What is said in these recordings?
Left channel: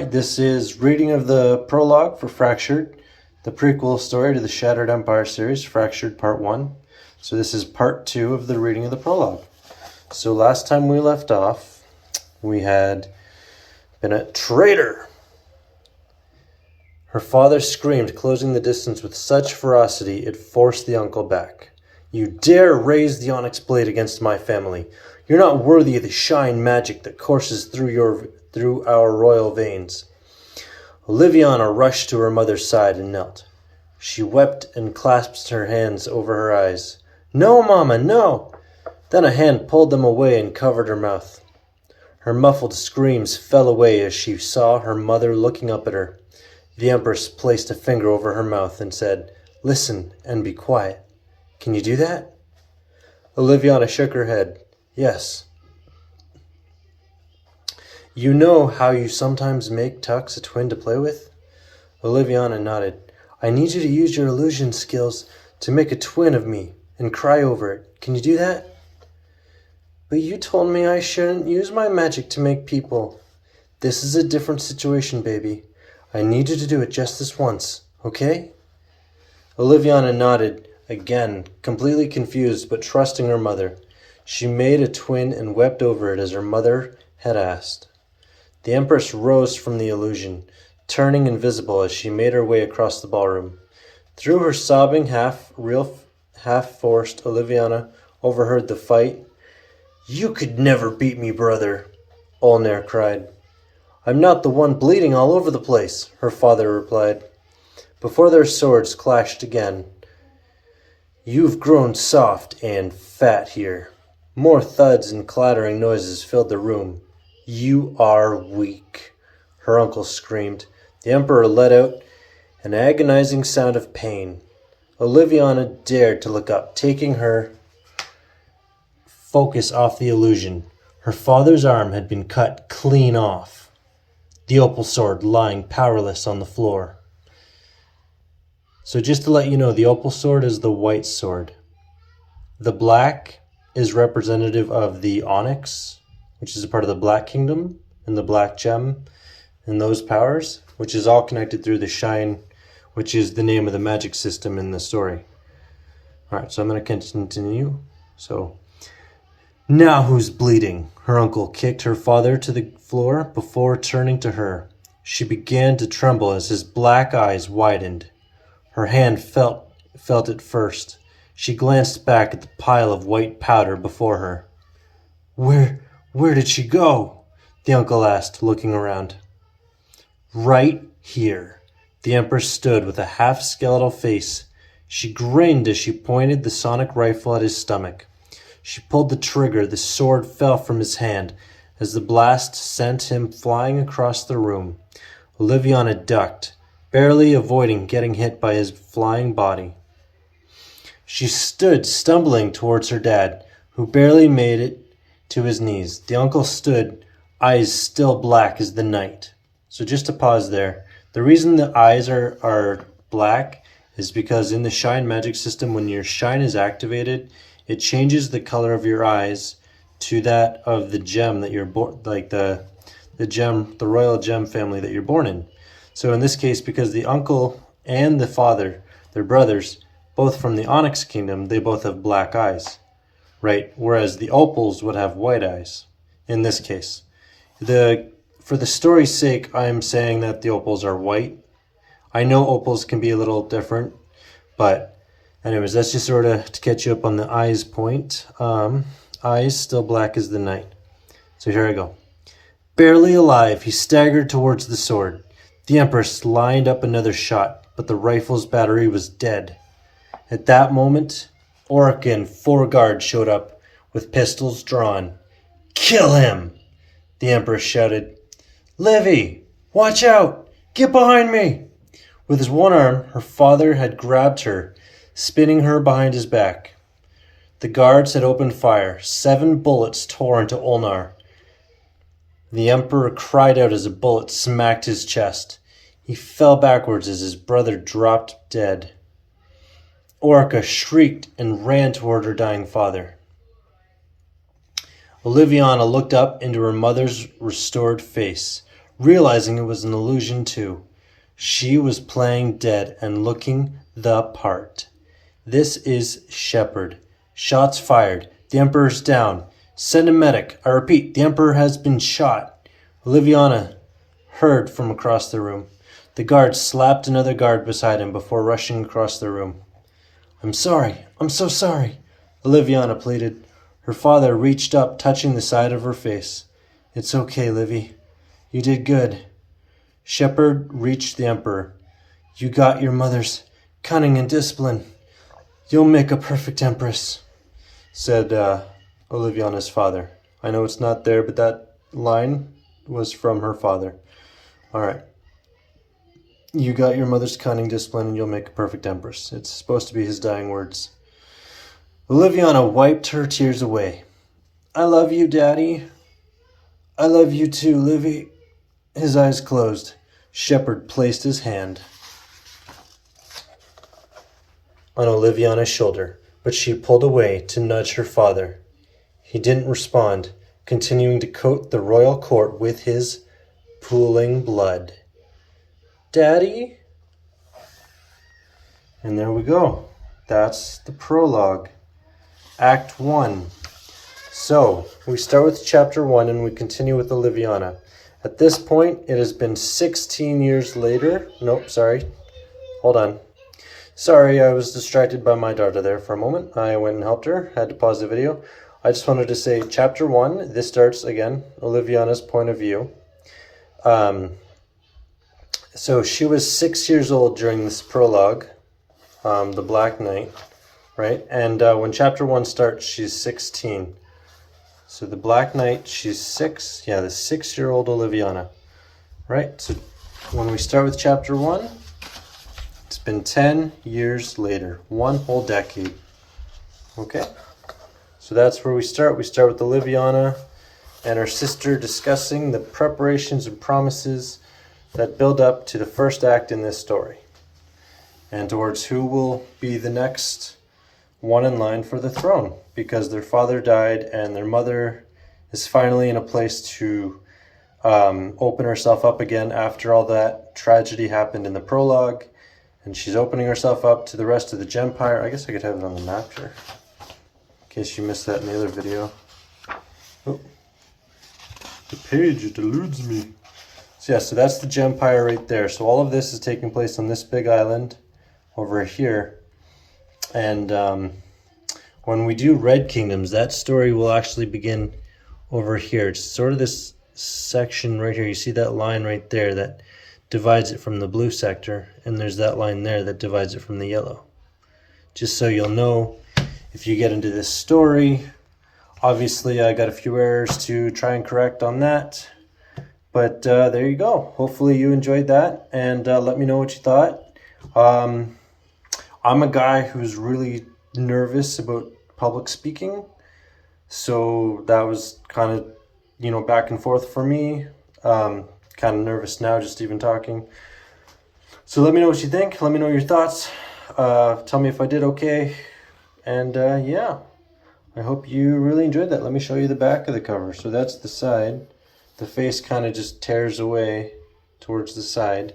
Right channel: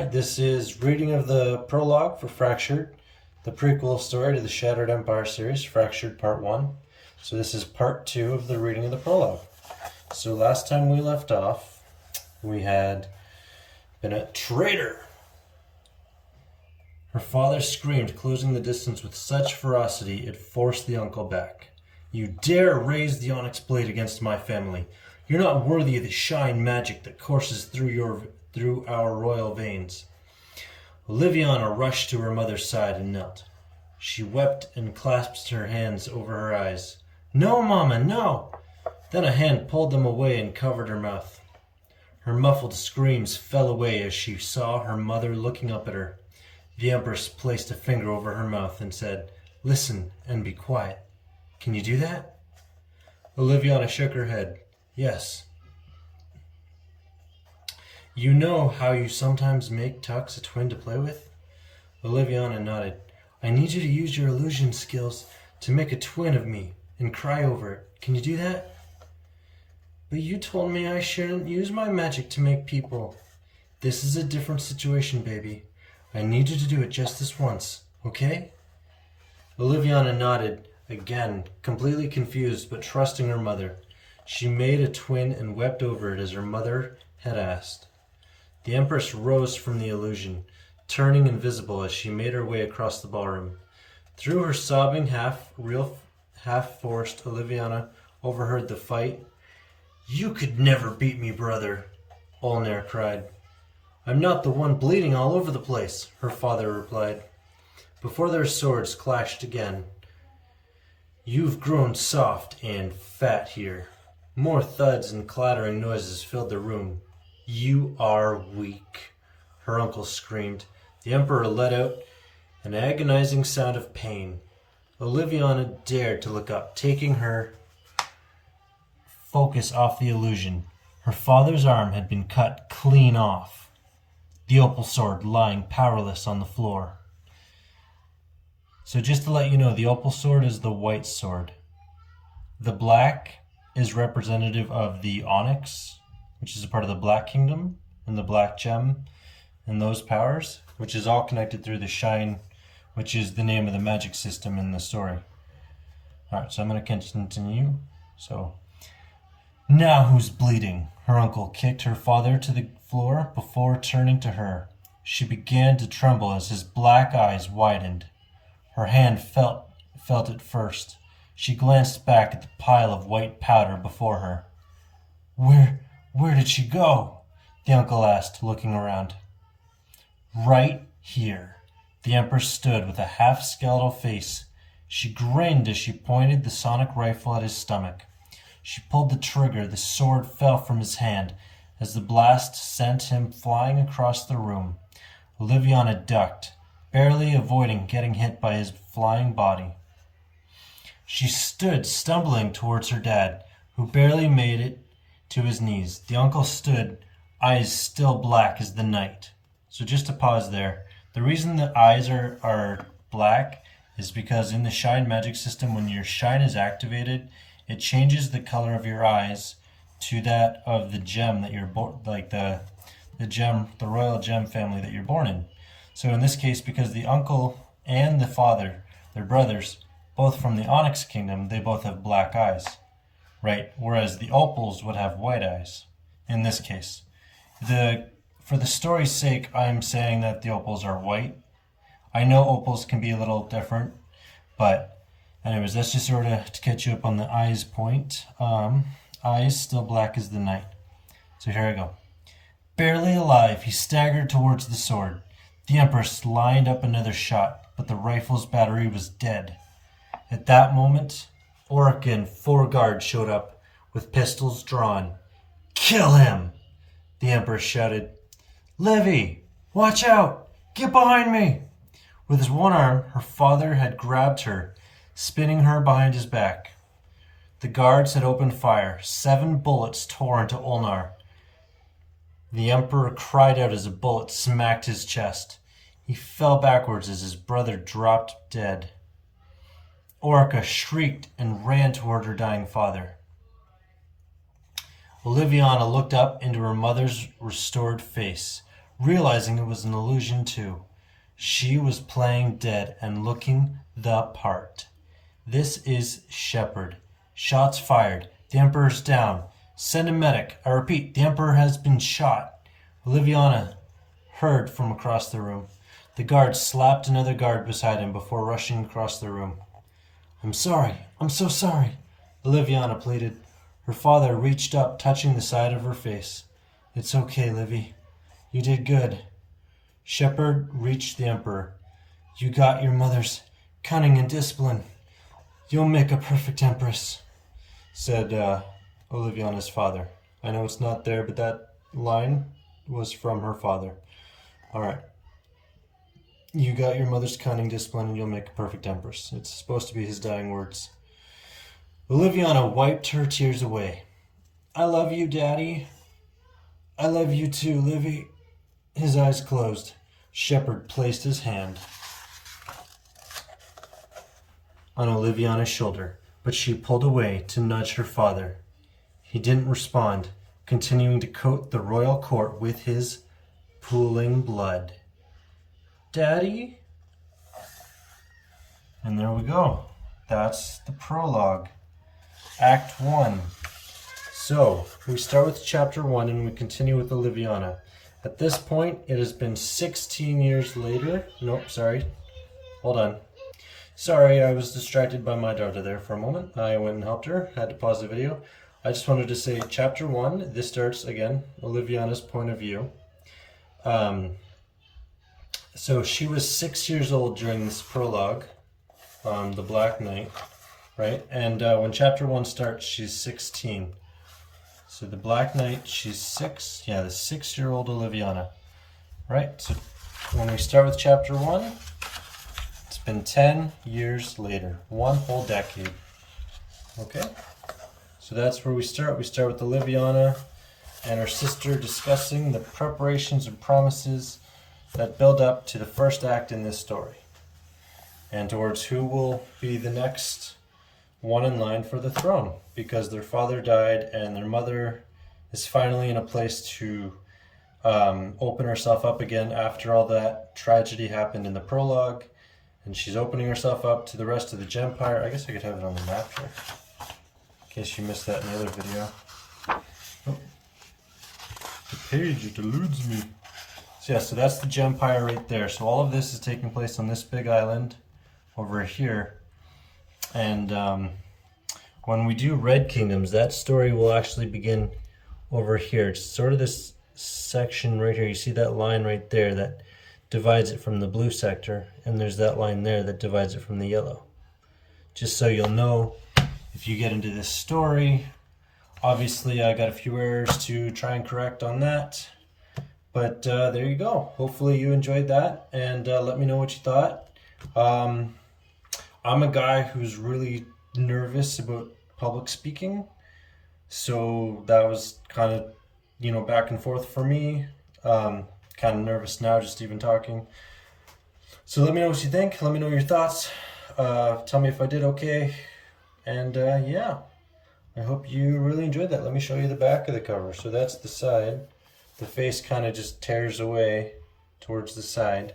right, this is reading of the prologue for Fractured, the prequel story to the Shattered Empire series, Fractured Part 1. So this is Part 2 of the reading of the prologue. So last time we left off, we had been a traitor. Her father screamed, closing the distance with such ferocity it forced the uncle back. You dare raise the onyx blade against my family. You're not worthy of the shine magic that courses through our royal veins. Oliviana rushed to her mother's side and knelt. She wept and clasped her hands over her eyes. No, Mama, no! Then a hand pulled them away and covered her mouth. Her muffled screams fell away as she saw her mother looking up at her. The Empress placed a finger over her mouth and said, Listen and be quiet. Can you do that? Oliviana shook her head. Yes. You know how you sometimes make Tux a twin to play with? Oliviana nodded. I need you to use your illusion skills to make a twin of me and cry over it. Can you do that? But you told me I shouldn't use my magic to make people. This is a different situation, baby. I need you to do it just this once, okay? Oliviana nodded, again, completely confused but trusting her mother. She made a twin and wept over it as her mother had asked. The Empress rose from the illusion, turning invisible as she made her way across the ballroom. Through her sobbing, half-real, half-forced, Oliviana overheard the fight. You could never beat me, brother, Olnair cried. I'm not the one bleeding all over the place, her father replied. Before their swords clashed again. You've grown soft and fat here. More thuds and clattering noises filled the room. You are weak, her uncle screamed. The Emperor let out an agonizing sound of pain. Oliviana dared to look up, taking her focus off the illusion. Her father's arm had been cut clean off, the opal sword lying powerless on the floor. So just to let you know, the opal sword is the white sword. The black is representative of the onyx, which is a part of the Black Kingdom, and the black gem, and those powers, which is all connected through the shine, which is the name of the magic system in the story. Alright, so I'm going to continue. So, now who's bleeding? Her uncle kicked her father to the floor before turning to her. She began to tremble as his black eyes widened. Her hand felt it first. She glanced back at the pile of white powder before her. Where did she go? The uncle asked, looking around. Right here. The Empress stood with a half-skeletal face. She grinned as she pointed the sonic rifle at his stomach. She pulled the trigger. The sword fell from his hand as the blast sent him flying across the room. Oliviana ducked, barely avoiding getting hit by his flying body. She stood stumbling towards her dad, who barely made it to his knees. The uncle stood, eyes still black as the night. So just to pause there, the reason the eyes are black is because in the shine magic system, when your shine is activated, it changes the color of your eyes to that of the gem that you're born, like the royal gem family that you're born in. So in this case, because the uncle and the father, they're brothers, both from the Onyx Kingdom, they both have black eyes, right? Whereas the opals would have white eyes in this case. For the story's sake, I'm saying that the opals are white. I know opals can be a little different, but anyways, that's just sort of to catch you up on the eyes point. Eyes still black as the night. So here I go. Barely alive, he staggered towards the sword. The Empress lined up another shot, but the rifle's battery was dead. At that moment, Orica and 4 guards showed up with pistols drawn. Kill him! The Empress shouted. Livy, watch out! Get behind me! With his one arm, her father had grabbed her, spinning her behind his back. The guards had opened fire. 7 bullets tore into Olnair. The Emperor cried out as a bullet smacked his chest. He fell backwards as his brother dropped dead. Orica shrieked and ran toward her dying father. Oliviana looked up into her mother's restored face. realizing it was an illusion too. She was playing dead and looking the part. This is Shepard. Shots fired. The Emperor's down. Send a medic. I repeat, the Emperor has been shot. Oliviana heard from across the room. The guard slapped another guard beside him before rushing across the room. I'm sorry. I'm so sorry, Oliviana pleaded. Her father reached up, touching the side of her face. It's okay, Livy. You did good. Shepard reached the Emperor. You got your mother's cunning and discipline. You'll make a perfect empress, said Oliviana's father. I know it's not there, but that line was from her father. All right. You got your mother's cunning, discipline, and you'll make a perfect empress. It's supposed to be his dying words. Oliviana wiped her tears away. I love you, Daddy. I love you too, Livy. His eyes closed. Shepard placed his hand on Oliviana's shoulder, but she pulled away to nudge her father. He didn't respond, continuing to coat the royal court with his pooling blood. Daddy? And there we go. That's the prologue. Act 1. So, we start with chapter 1 and we continue with Oliviana. At this point, it has been 16 years later. Nope, sorry. Hold on. Sorry, I was distracted by my daughter there for a moment. I went and helped her, had to pause the video. I just wanted to say chapter 1, this starts, again, Oliviana's point of view. So she was 6 years old during this prologue, the Black Knight, right? And when chapter 1 starts, she's 16. So the Black Knight, she's 6. Yeah, the 6-year-old Oliviana, right? So when we start with chapter 1, it's been 10 years later, 1 whole decade. Okay? So that's where we start. We start with Oliviana and her sister discussing the preparations and promises that build up to the first act in this story, and towards who will be the next one in line for the throne, because their father died and their mother is finally in a place to open herself up again after all that tragedy happened in the prologue, and she's opening herself up to the rest of the Gempire. I guess I could have it on the map here, in case you missed that in the other video. Oh, the page, it eludes me. So yeah, so that's the Gempire right there. So all of this is taking place on this big island over here. And when we do Red Kingdoms, that story will actually begin over here. It's sort of this section right here. You see that line right there that divides it from the blue sector. And there's that line there that divides it from the yellow. Just so you'll know, if you get into this story, obviously I got a few errors to try and correct on that. But there you go. Hopefully you enjoyed that, and let me know what you thought. I'm a guy who's really nervous about public speaking, so that was kind of, you know, back and forth for me. Kind of nervous now just even talking. So let me know what you think. Let me know your thoughts. Tell me if I did okay. And yeah, I hope you really enjoyed that. Let me show you the back of the cover. So that's the side. The face kind of just tears away towards the side,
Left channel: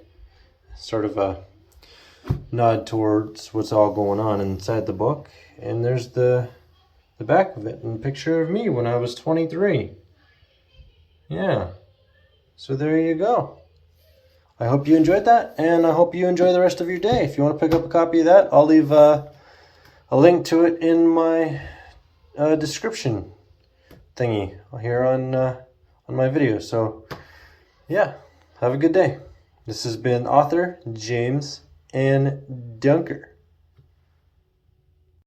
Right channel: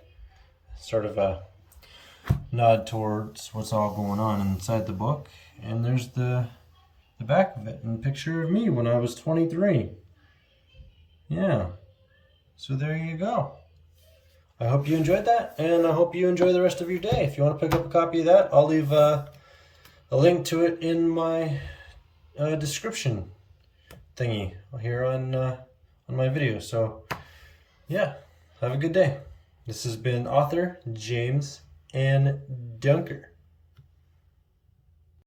sort of a nod towards what's all going on inside the book. And there's the back of it, and a picture of me when I was 23. Yeah, so there you go. I hope you enjoyed that, and I hope you enjoy the rest of your day. If you want to pick up a copy of that, I'll leave a link to it in my description thingy here on my video. So yeah, have a good day. This has been author James N. Dunker.